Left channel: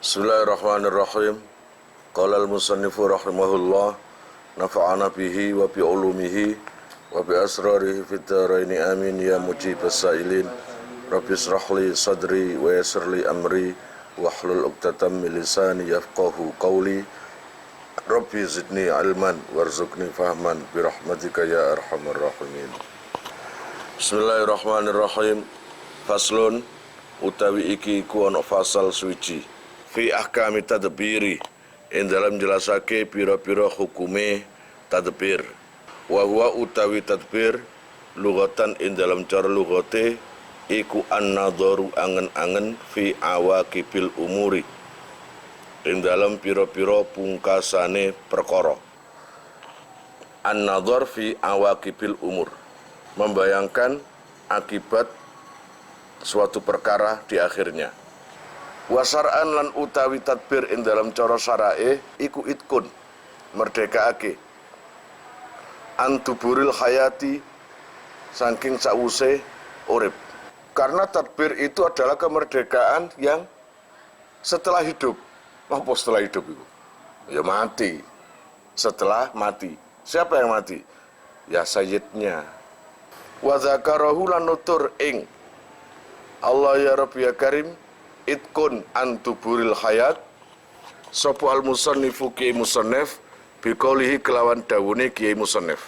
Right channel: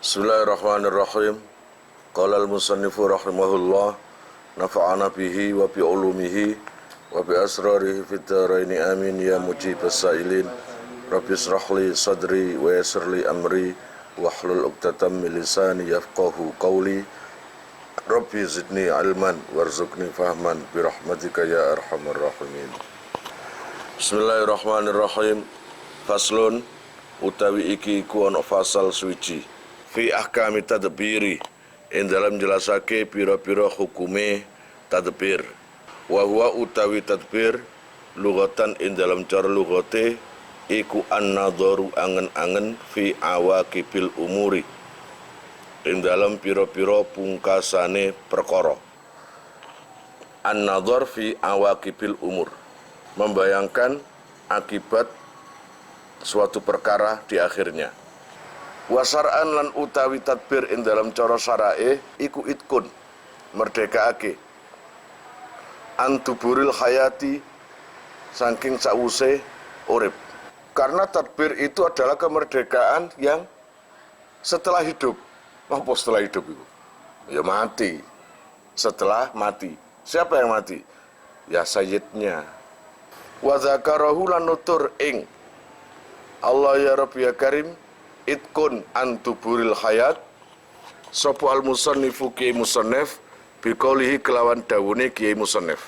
Bismillahirrahmanirrahim. Qala al-musannifu rahimahullah, nafa'ana bihi wa bi ulumihi wa bi asrarihi fid dharaini amin ya mujibas sailin. Rabbi israh li sadri wa yassir li amri wahlul 'uqdatam min lisani yafqahu qawli. Rabbi zidni ilman warzuqni fahman bi rahmatika ya arhamar rahimin. Bismillahirrahmanirrahim. Faslun utawi iki ku ana fasal suci fi ahkami tadbiri ing dalam jelasake pira-pira hukume tadbir. Wa huwa utawi tadbir lughatan ing dalam cara lughate iku an-nadharu angen-angen fi awaqibil umuri ing dalam pira-pira pungkasane perkara. An-nadhar fi awaqibil umur, membayangkan akibat suatu perkara di akhirnya. Wasar'an lan utawi tadbir ing dalam cara syarae iku itkun merdekaake antuburil hayati saking sause urip. Karena tadbir itu adalah kemerdekaan yang setelah hidup. Apa setelah hidup itu? Ya mati. Setelah mati. Siapa yang mati? Ya sayyidnya. Wa dzakarahu lan nutur ing Allah ya Rabbi ya Karim itkun antuburil hayat sapa al musannifu ki musannif biqaulihi kelawan dawune ki musannif.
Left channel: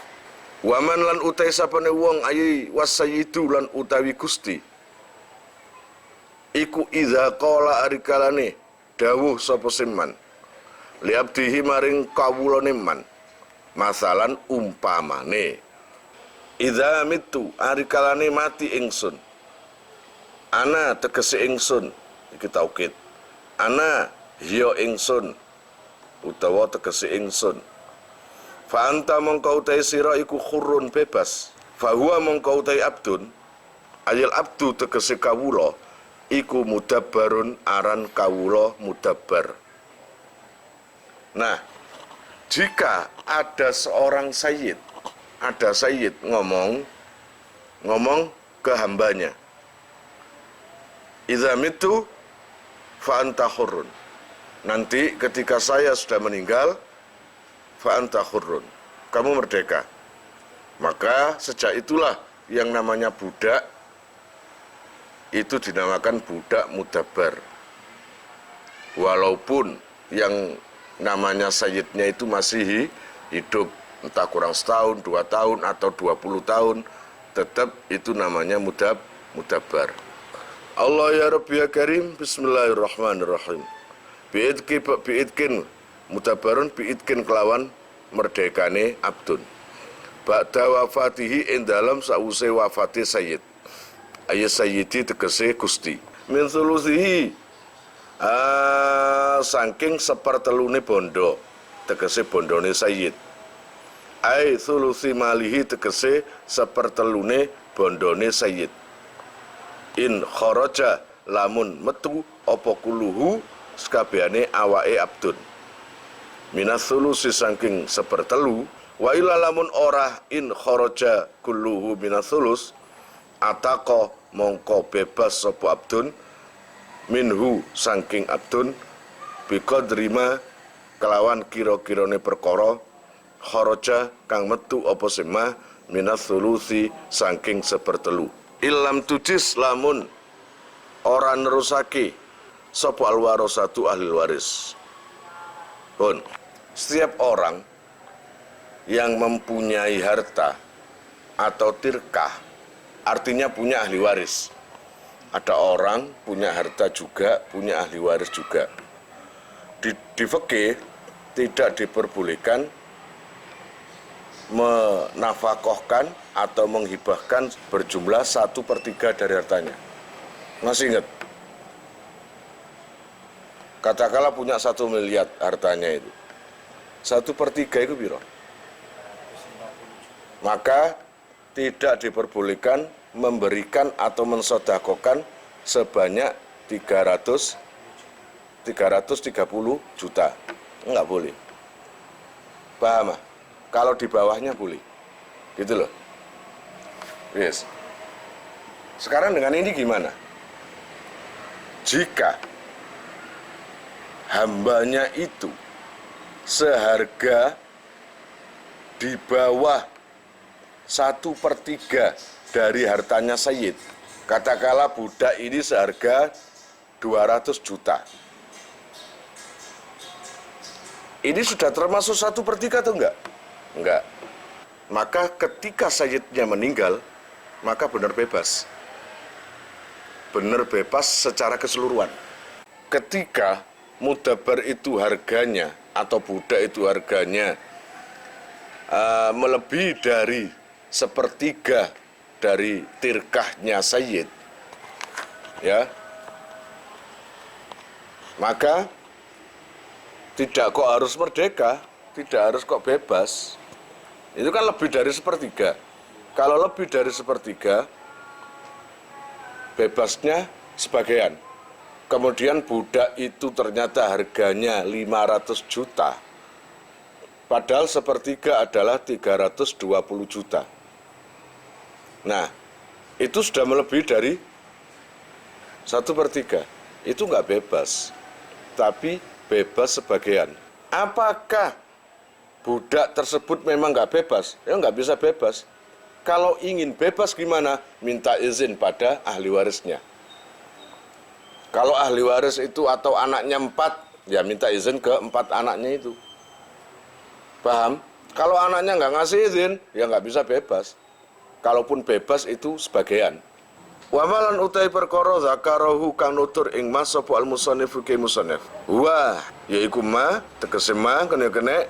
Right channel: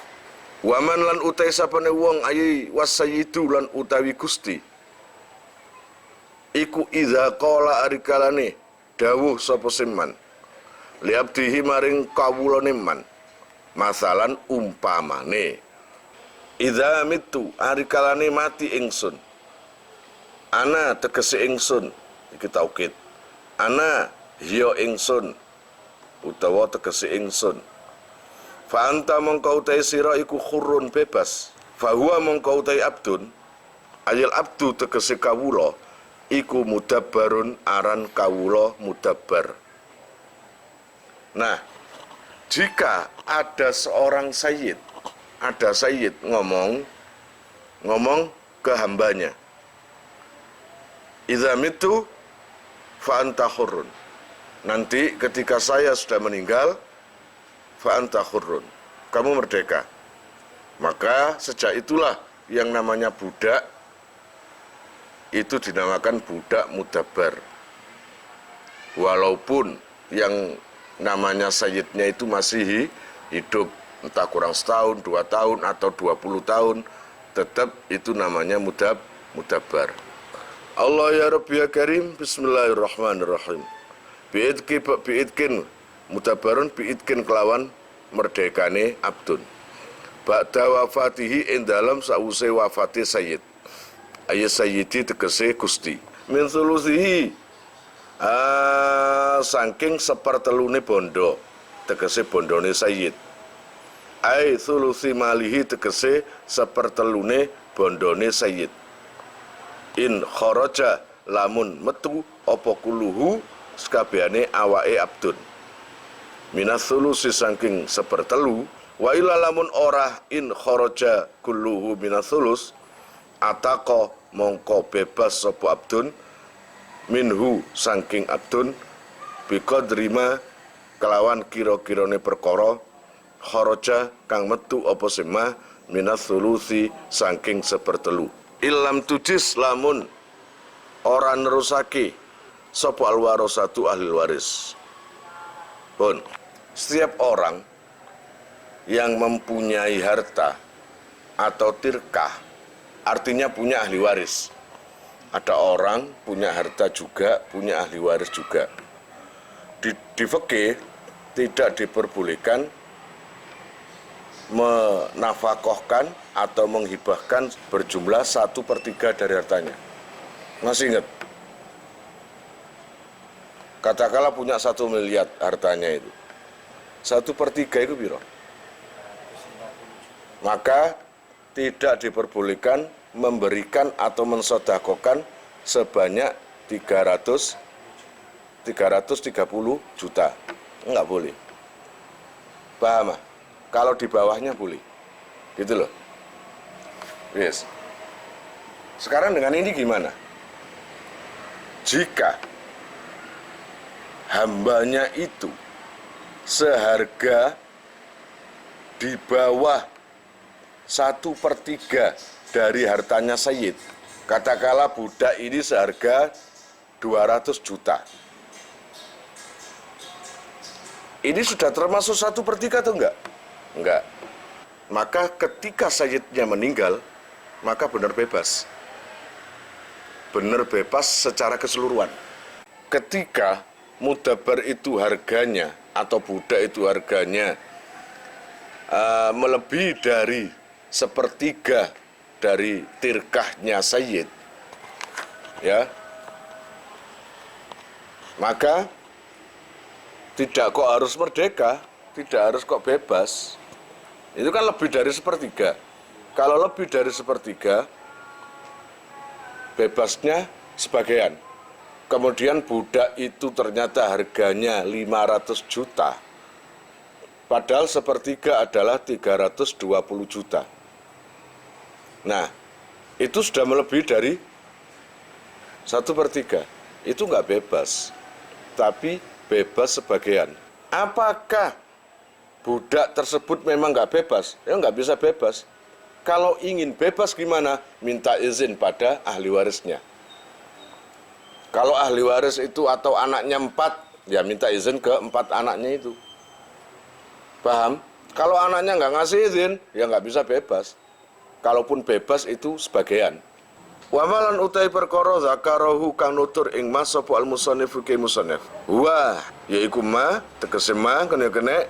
Waman lan utai sapane wong ayi wasayyidu lan utawi Gusti iku idza qala arikalane dawuh sapa siman li abdihi maring kawulane man masalan umpamane idza mitu arikalane mati ingsun ana tegese ingsun iki taukid ana hiya ingsun utawa tegese ingsun fa anta mongko utai sira iku khurrun bebas fa huwa mongko utai abdun ayil abdu tegese kawula iku mudabbarun aran kawula mudabbar. Nah, jika ada seorang sayyid, ada sayyid ngomong ke hambanya, idza mitu fa anta hurrun. Nanti ketika saya sudah meninggal, fa anta hurrun. Kamu merdeka. Maka sejak itulah yang namanya budak itu dinamakan budak mudabbar. Walaupun yang namanya sayyidnya itu masih hidup, entah kurang setahun, 2 tahun, atau 20 tahun, tetap itu namanya mudabbar. Allah ya Rabbi ya Karim, bismillahirrahmanirrahim. Bi'idkin mudabbarun bi'idkin kelawan merdekane abdun. Ba'da wafatihi ing dalam sause wafati sayyid. Ayat sayyidi tegese Gusti. Min sulusihi saking sepertelune bondo, tegese bondone sayyid. Ai sulusi malihi tegese sepertelune bondone sayyid. In kharaja lamun metu apa kuluhu sekabehane awake abdun minas sulusi saking sepertelu wa ila lamun ora in kharaja kulluhu minas sulus ataka mongko bebas sapa abdun minhu saking abdun biqadrima kelawan kira-kirane perkara kharaja kang metu apa sema minas sulusi saking sepertelu. Ilam tujis lamun ora nerusake sapa alwarasatu ahli waris. Pun setiap orang yang mempunyai harta atau tirkah artinya punya ahli waris. Ada orang punya harta juga, punya ahli waris juga. Di fikih tidak diperbolehkan menafakohkan atau menghibahkan berjumlah 1/3 dari hartanya. Masih ingat? Katakanlah punya 1 miliar hartanya itu. 1/3 itu piro? Maka tidak diperbolehkan memberikan atau mensodakokan sebanyak 330 juta. Enggak boleh. Paham? Kalau di bawahnya boleh. Gitu loh. Yes. Sekarang dengan ini gimana? Jika hambanya itu seharga di bawah 1/3 dari hartanya Sayyid. Katakanlah budak ini seharga 200 juta. Ini sudah termasuk 1/3 atau enggak? Enggak. Maka ketika Sayyidnya meninggal, maka benar bebas. Benar bebas secara keseluruhan. Ketika mudabar itu harganya atau budak itu harganya melebihi dari 1/3 dari tirkahnya Sayyid, ya, maka tidak kok harus merdeka, tidak harus kok bebas. Itu kan lebih dari 1/3. Kalau lebih dari 1/3, bebasnya sebagian. Kemudian budak itu ternyata harganya 500 juta. Padahal 1/3 adalah 320 juta. Nah, itu sudah melebihi dari 1/3. Itu nggak bebas, tapi bebas sebagian. Apakah budak tersebut memang nggak bebas? Ya nggak bisa bebas. Kalau ingin bebas gimana? Minta izin pada ahli warisnya. Kalau ahli waris itu atau anaknya 4, ya minta izin ke 4 anaknya itu. Paham? Kalau anaknya nggak ngasih izin, ya nggak bisa bebas. Kalaupun bebas itu sebagian. Wa malan utai perkara zakarahu kang nutur ing mas sapa al musannifu ke musannif. Wa yaiku ma tegese ma kene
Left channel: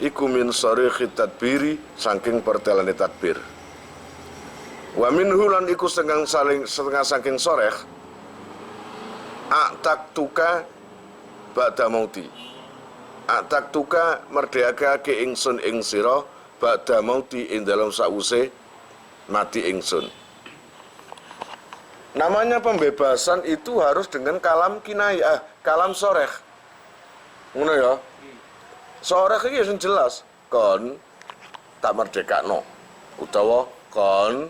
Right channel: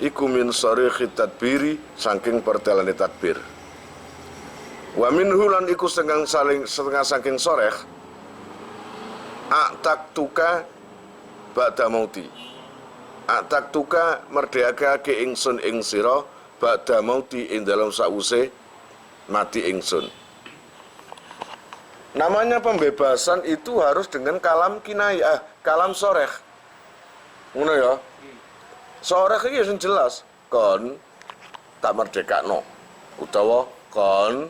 iku min sarikh tadbiri saking pertelane tadbir. Wa minhu lan iku setengah saking soreh aktak tuka ba'da mauti. Aktak tuka merdekake ingsun ing sira ba'da mauti ing dalam sause mati ingsun. Namanya pembebasan itu harus dengan kalam kinayah, kalam soreh. Ngono ya. Soreh iki sing jelas, kon tak merdekakno utawa kon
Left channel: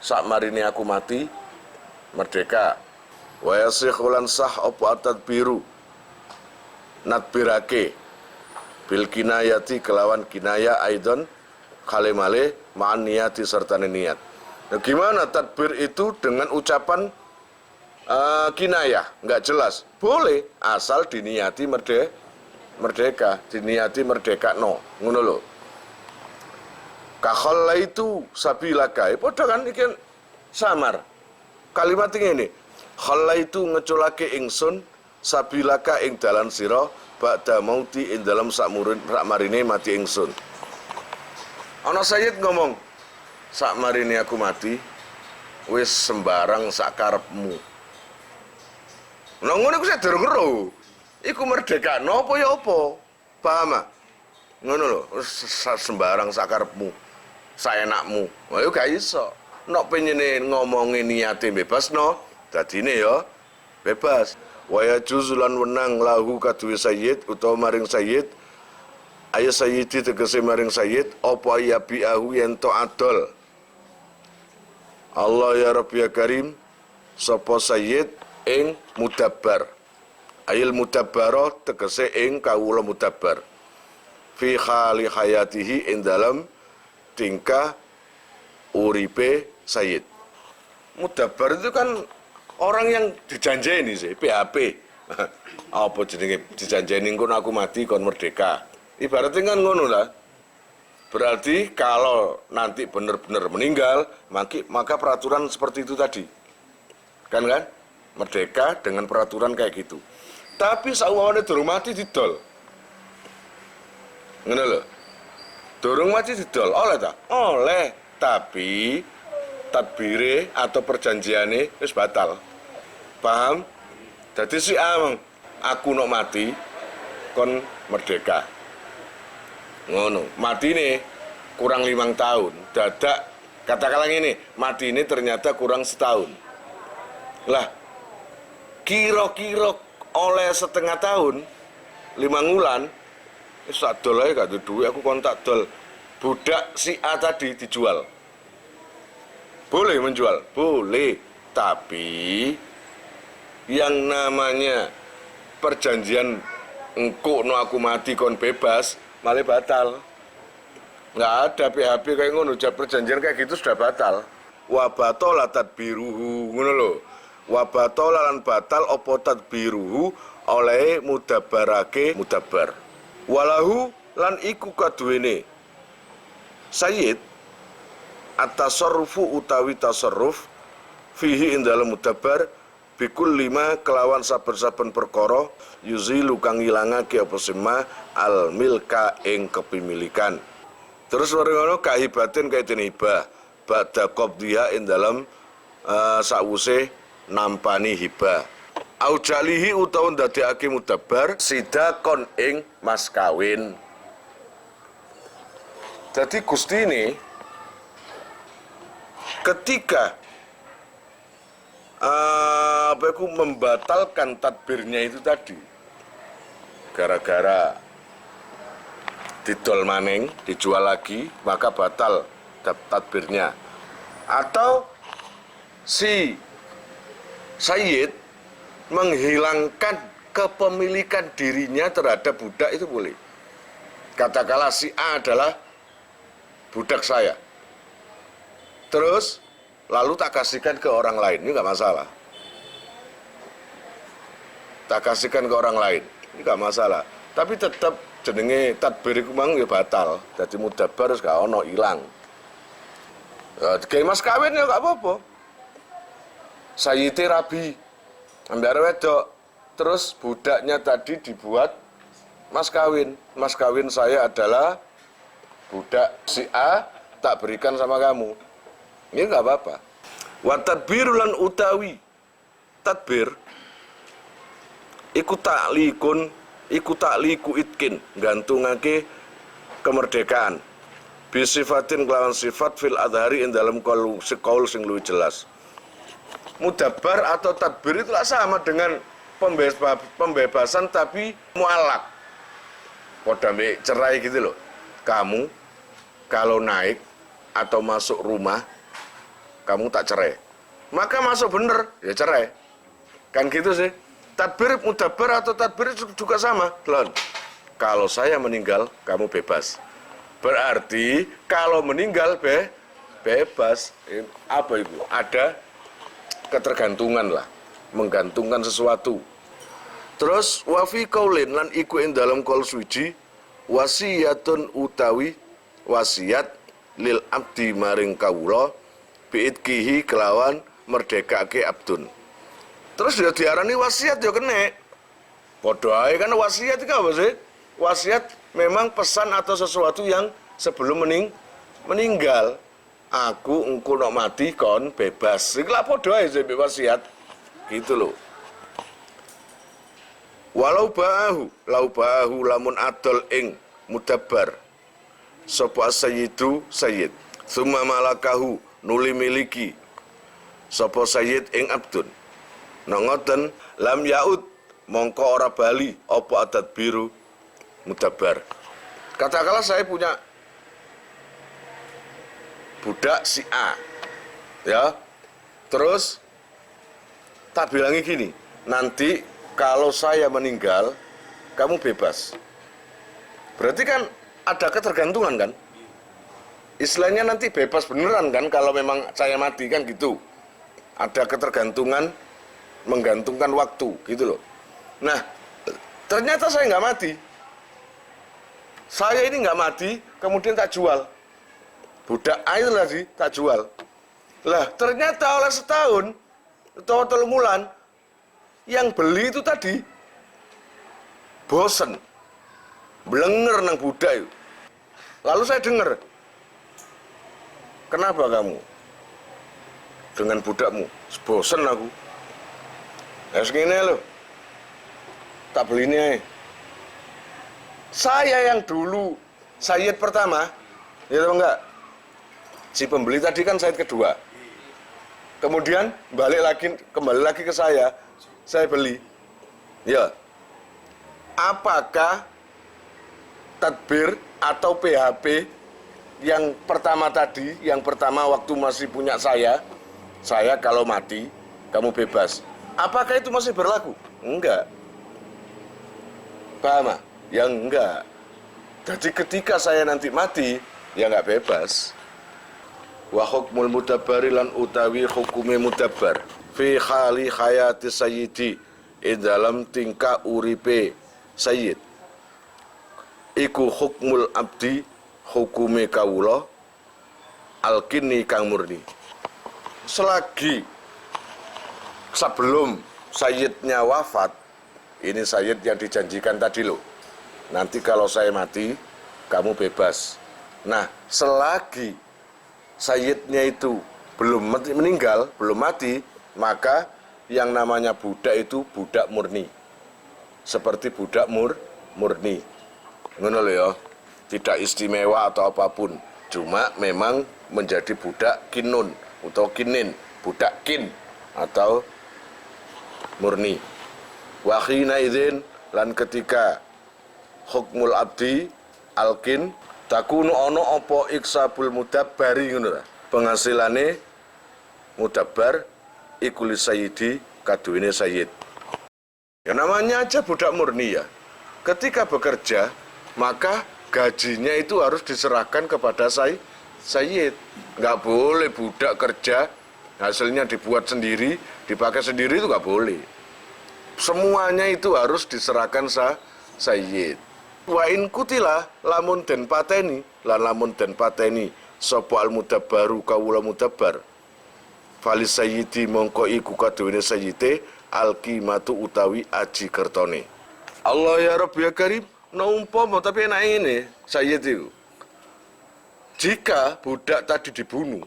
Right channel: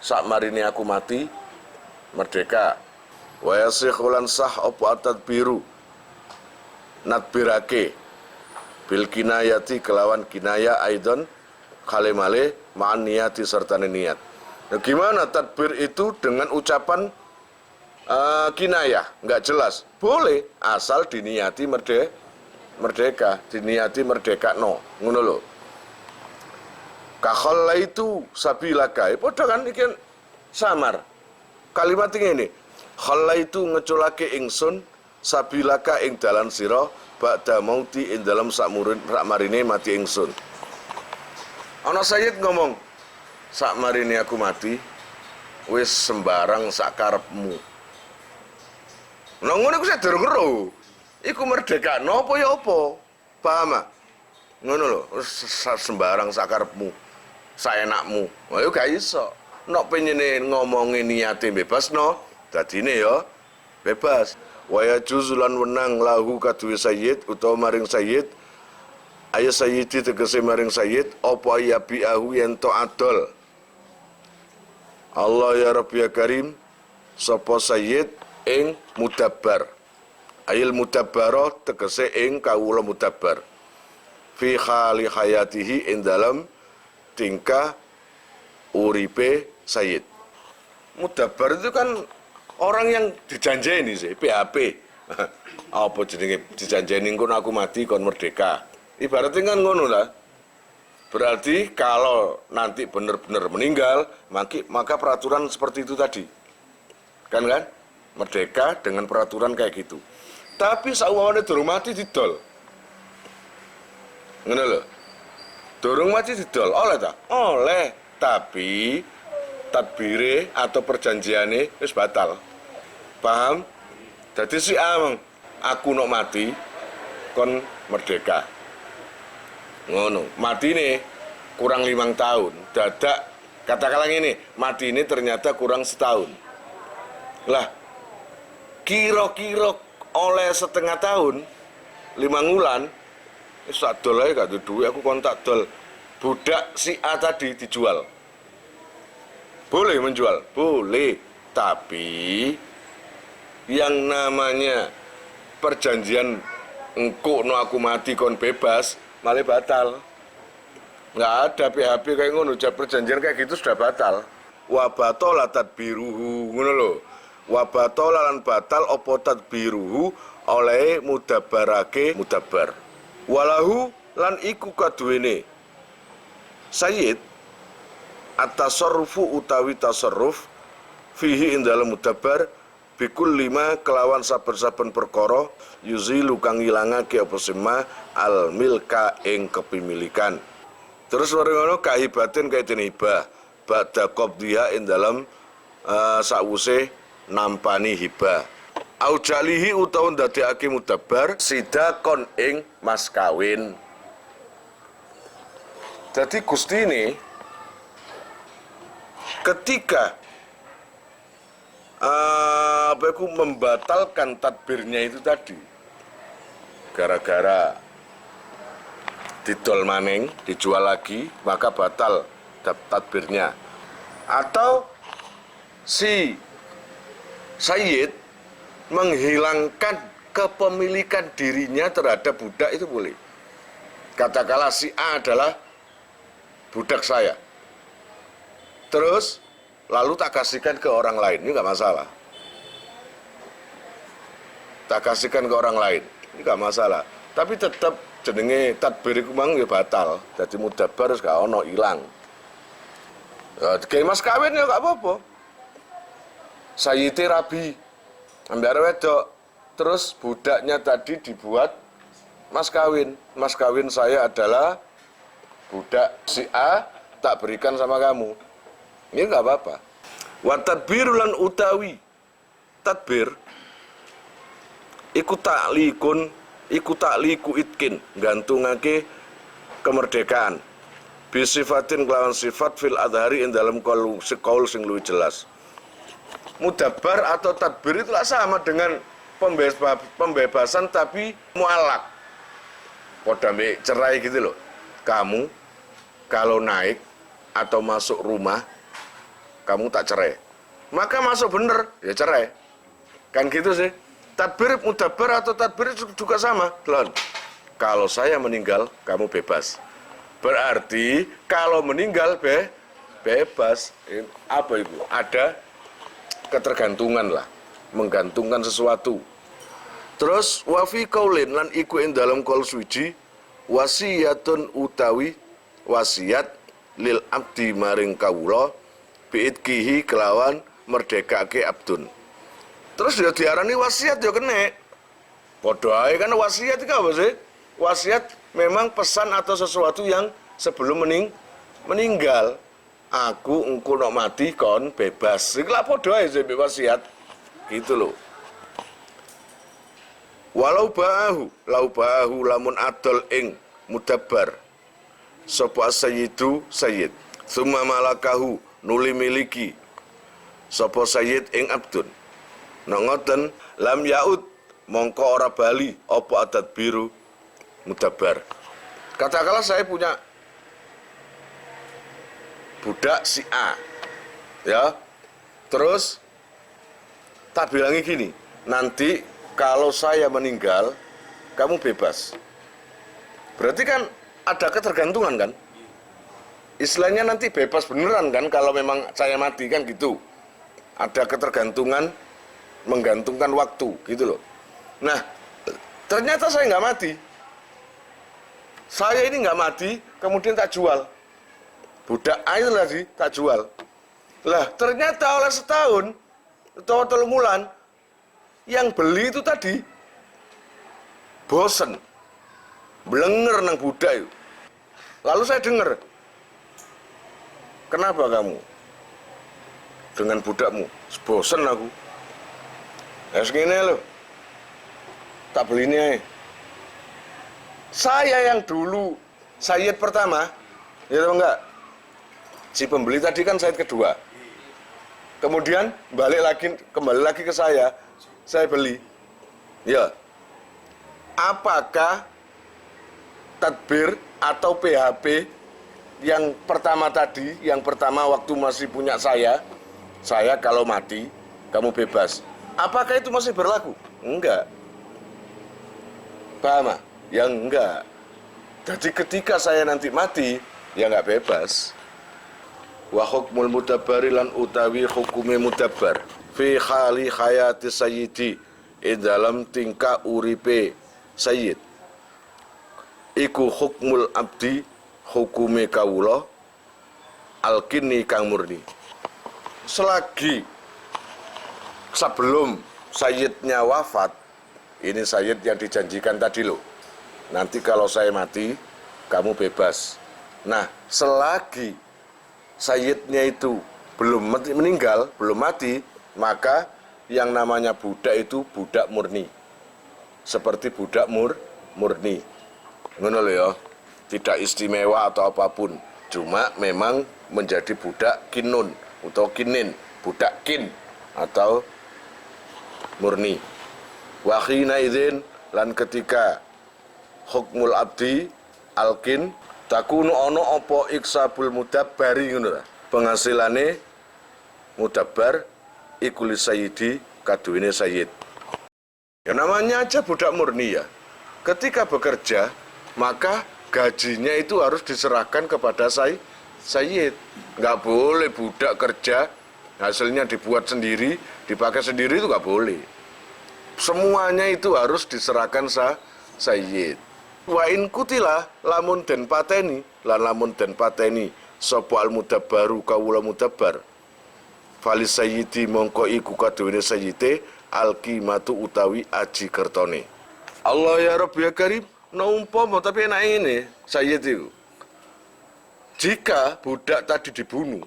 sakmarine aku mati merdeka. Wa yasikhulan sah apa tadbiru nadbirake bil kinayati kelawan kinaya aidon kalimale ma'an niyati serta niat. Nah, gimana tadbir itu dengan ucapan kinayah? Nggak jelas. Boleh, asal diniati merdeka, diniati merdeka no. Ngono lho. Kakhalla itu sabilaka. Padha kan iki samar. Kalimat ini. Khalla itu ngeculake ingsun sabilaka ing dalan sira ba'da mauti ing dalam sakmarine mati ingsun. Ana Sayyid ngomong, sakmarine aku mati, wis sembarang sakarepmu. Nah ngono iku saya durung ero. Iku merdekakno apa ya apa? Paham ah? Ngono lho, sembarang sakarepmu, saenakmu. Wah yo gak iso. Nek penyene ngomongin niate bebas no, dadine ya bebas. Wa yajuzulan wenang lahu kaduwe Sayyid utawa maring Sayyid Ayah Sayyidi tegese maring Sayyid apa ya bi'ahu yen to adol. Allah ya Rabbi ya Karim sapa Sayyid ing mudabbar. Ayil mudabbara tegese ing kawula mudabbar. Fi khali hayatihi ing dalam tingkah uripe Sayyid. Mudabbar itu kan orang yang dijanjeni sih, PHP. Apa jenenge dijanjeni ngono aku mati kon merdeka. Ibaratnya kan ngono lah. Berarti kalau nanti benar-benar meninggal, maka peraturan seperti itu tadi. Kan? Merdeka dengan peraturan kayak gitu. Tapi sauwane durung mati didol. Ngono lho. Durung mati didol, oleh ta? Oleh, tapi tadbire atau perjanjiane wis batal. Paham? Jadi si amang aku nok mati kon merdeka. Ngono, mati nih kurang 5 tahun. Dadak katakanlah ini, mati ini ternyata kurang setahun. Lah, kira-kira oleh setengah tahun, 5 bulan, sak dol ae gak duwe aku kontak dol. Budak si A tadi dijual. Boleh menjual, boleh. Tapi yang namanya perjanjian engko no aku mati kon bebas malah batal. Nggak ada PHP kayak ngono, perjanjian kayak gitu sudah batal. Wa batola tadbiruhu ngono lho. Wa batola lan batal apa tadbiruhu oleh mudabarake mudabar. Walahu lan iku kaduwene sayyid at-tasarrufu utawi tasarruf fihi ing dalem mudabar bikul lima kelawan saben-saben perkara yuzilu kang ngilangake apa sema al milka ing kepemilikan. Terus ngono kahibatin kaitin hibah ba'da qabdiha ing dalem sakwuse nampani hibah. Au jalihi utawa ndadekake mudabar sidakon ing mas kawin. Jadi Gusti ini ketika membatalkan tadbirnya itu tadi gara-gara didol maning, dijual lagi, maka batal tadbirnya. Atau si sayyid menghilangkan kepemilikan dirinya terhadap budak itu boleh. Katakanlah si A adalah budak saya. Terus lalu tak kasihkan ke orang lain, ini nggak masalah. Tak kasihkan ke orang lain, ini nggak masalah. Tapi tetap jenenge tadbir iku mang ya batal. Dadi mudabar wis gak ono ilang. Kayak mas kawin ya gak apa-apa. Sayyite rabi. Ambil wedok. Terus budaknya tadi dibuat mas kawin. Mas kawin saya adalah budak si A, tak berikan sama kamu. Ini gak apa-apa. Wa tadbirulan utawi tadbir iku takliku itkin gantungake kemerdekaan bisifatin kelawan sifat fil adhari ing dalam kaul sing luwih jelas. Mudabar atau tadbir itu sama dengan pembebasan tapi mualak. Poda mbek cerai gitu loh. Kamu kalau naik atau masuk rumah kamu tak cerai. Maka masuk bener ya cerai. Kan gitu sih. Tadbir mudabar atau tadbir juga sama, Lon. Kalau saya meninggal, kamu bebas. Berarti kalau meninggal bebas. Apa itu? Ada ketergantungan lah, menggantungkan sesuatu. Terus wafi kaulin lan iku ing dalam kaul suci wasiyatun utawi wasiat lil abdi maring kawula biidkihi kelawan merdekake abdun. Terus dia diarani wasiat ya kene. Padha ae kan wasiat iki apa sih? Wasiat memang pesan atau sesuatu yang sebelum meninggal. Aku engko nek mati kon bebas. Iki lha padha ae sih wasiat. Gitu loh. Walau ba'ahu lamun adol ing mudabar. Sapa sayyidu sayyid. Summa malakahu nuli miliki. Sapa sayyid ing abdun. Nongoten lam yaud mongko ora bali apa adat biru mudabar. Katakanlah saya punya budak si A, ya, terus tak bilangi gini, nanti kalau saya meninggal kamu bebas. Berarti kan ada ketergantungan kan? Istilahnya nanti bebas beneran kan kalau memang saya mati kan gitu. Ada ketergantungan, menggantungkan waktu gitu loh. Nah, ternyata saya nggak mati. Saya ini nggak mati, kemudian tak jual. Budak air tadi tak jual. Lah, ternyata oleh setahun atau 3 bulan yang beli itu tadi bosen, blenger nang budak itu. Lalu saya dengar, kenapa kamu dengan budakmu? Bosen aku. Ya segini loh, tak beli ini. Saya yang dulu sayyid pertama, ya tahu enggak? Si pembeli tadi kan sayyid kedua. Kemudian kembali lagi ke saya beli. Ya, apakah tadbir atau PHP yang pertama tadi, yang pertama waktu masih punya saya kalau mati kamu bebas. Apakah itu masih berlaku? Enggak. Paham? Ya enggak. Jadi ketika saya nanti mati, ya enggak bebas. Wa hukmul mudabbari lan utawi hukume mudabbar fi khali hayati sayyidi dalam tingkah uripe sayyid iku hukmul abdi hukume kawula alkini kang murni. Selagi sebelum sayyidnya wafat, ini sayyid yang dijanjikan tadi loh, nanti kalau saya mati kamu bebas. Nah, selagi sayyidnya itu belum meninggal, belum mati, maka yang namanya budak itu budak murni, seperti budak murni. Ngono lho ya, tidak istimewa atau apapun, cuma memang menjadi budak kinun atau kinin, budak kin atau murni. Wahina idzin lan ketika hukmul abdi alkin takunu ono opo iksabul mudabbari ngono, penghasilane mudabbar ikuli sayyidi kaduwene sayyid. Ya namanya aja budak murni ya. Ketika bekerja maka gajinya itu harus diserahkan kepada sayyid. Nggak boleh budak kerja hasilnya dibuat sendiri, dipakai sendiri, itu nggak boleh. Semuanya itu harus diserahkan sayyid. Wa in kutila lamun den pateni lan lamun den pateni sapa al mudabbaru kawula mudabbar fali sayyidi mongko iku kaduwene sayyite al qimatu utawi aji kertone. Allah ya Rabb ya Karim, naumpama tapi enak ini sayyid itu. Jika budak tadi dibunuh,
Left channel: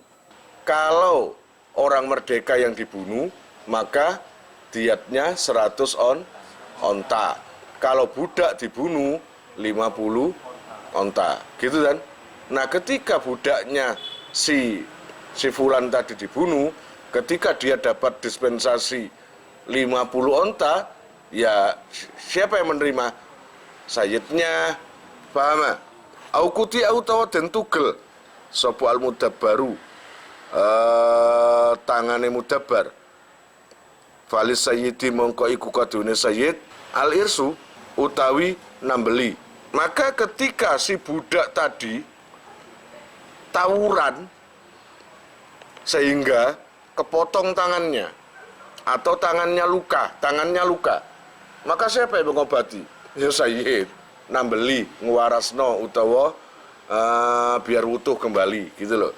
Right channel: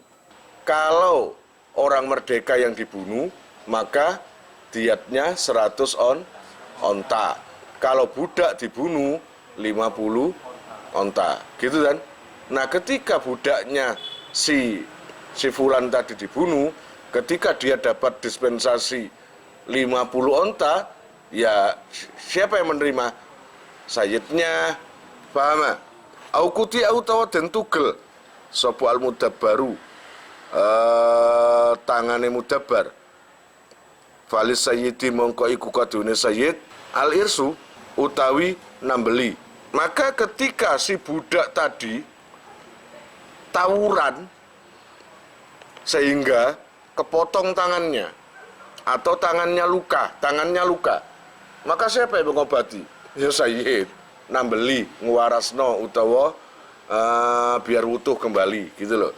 kalau orang merdeka yang dibunuh, maka diatnya 100 onta. Kalau budak dibunuh 50 onta, gitu kan? Nah, ketika budaknya si fulan tadi dibunuh, ketika dia dapat dispensasi 50 onta, ya siapa yang menerima? Sayyidnya, paham? Au kuti au tawa den tugel sapa al mudabbaru tangane mudabbar falis sayyidi mongko iku kadune sayyid al irsu utawi nambeli. Maka ketika si budak tadi tawuran sehingga kepotong tangannya atau tangannya luka, maka siapa yang mengobati? Ya sayyid, nambeli, nguwarasno utawa biar utuh kembali, gitu loh.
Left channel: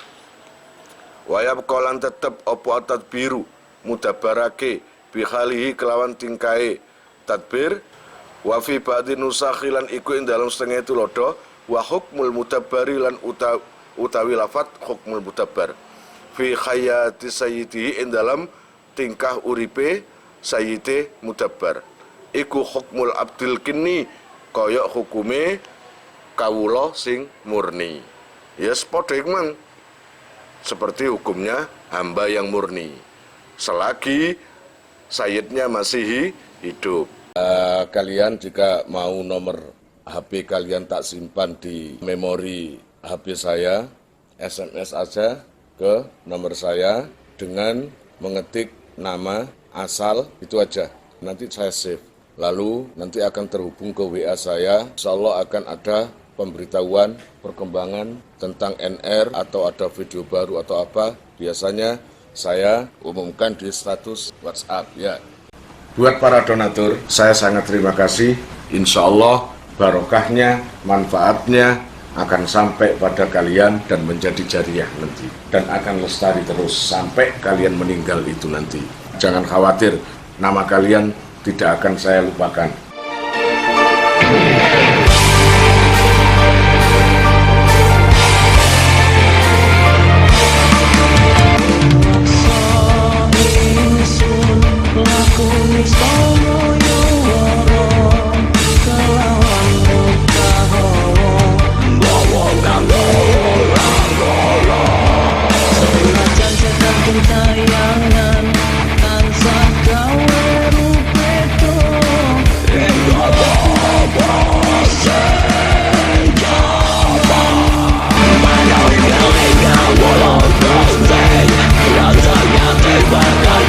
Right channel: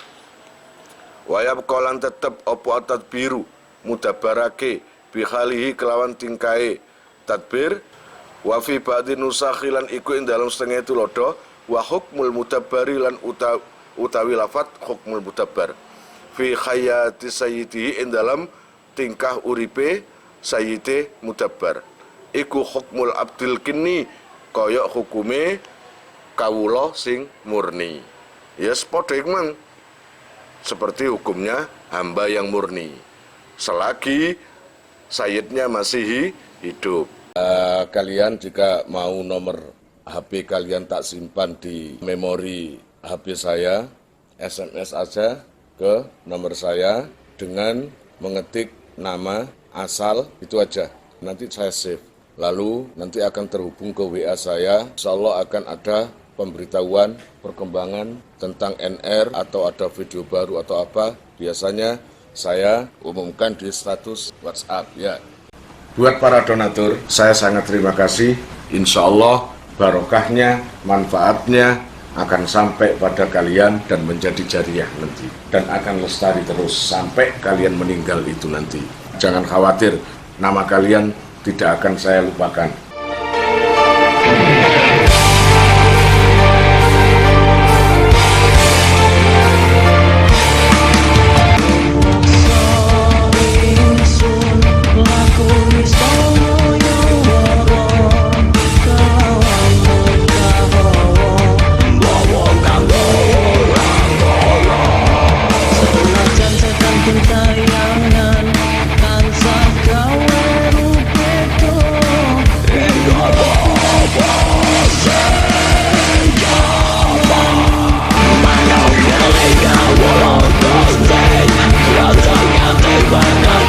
Wayab kolan tetep opo tadbiru mudabbarake bihalihi kelawan tingkai tadbir wa fi ba'di nusakhilan iku ing dalam setengah itu lodo wa hukmul mudabbari lan utawi lafat hukmul mudabbar fi hayati sayyidi ing dalam tingkah uripe sayyide mudabbar iku hukmul abdil kini kaya hukume kawula sing murni. Yes, padha iku seperti hukumnya hamba yang murni selagi sayyidnya masih hidup. Kalian jika mau nomor HP kalian tak simpan di memori HP saya, SMS aja ke nomor saya dengan mengetik nama asal, itu aja. Nanti saya save. Lalu nanti akan terhubung ke WA saya. Insyaallah akan ada pemberitahuan perkembangan tentang NR atau ada video baru atau apa. Biasanya saya umumkan di status WhatsApp ya. Buat para donatur, saya sangat terima kasih. Insya Allah barokahnya, manfaatnya akan sampai pada kalian dan menjadi jariah nanti. Dan akan lestari terus sampai kalian meninggal itu nanti. Jangan khawatir, nama kalian tidak akan saya lupakan. Raja ganti bakal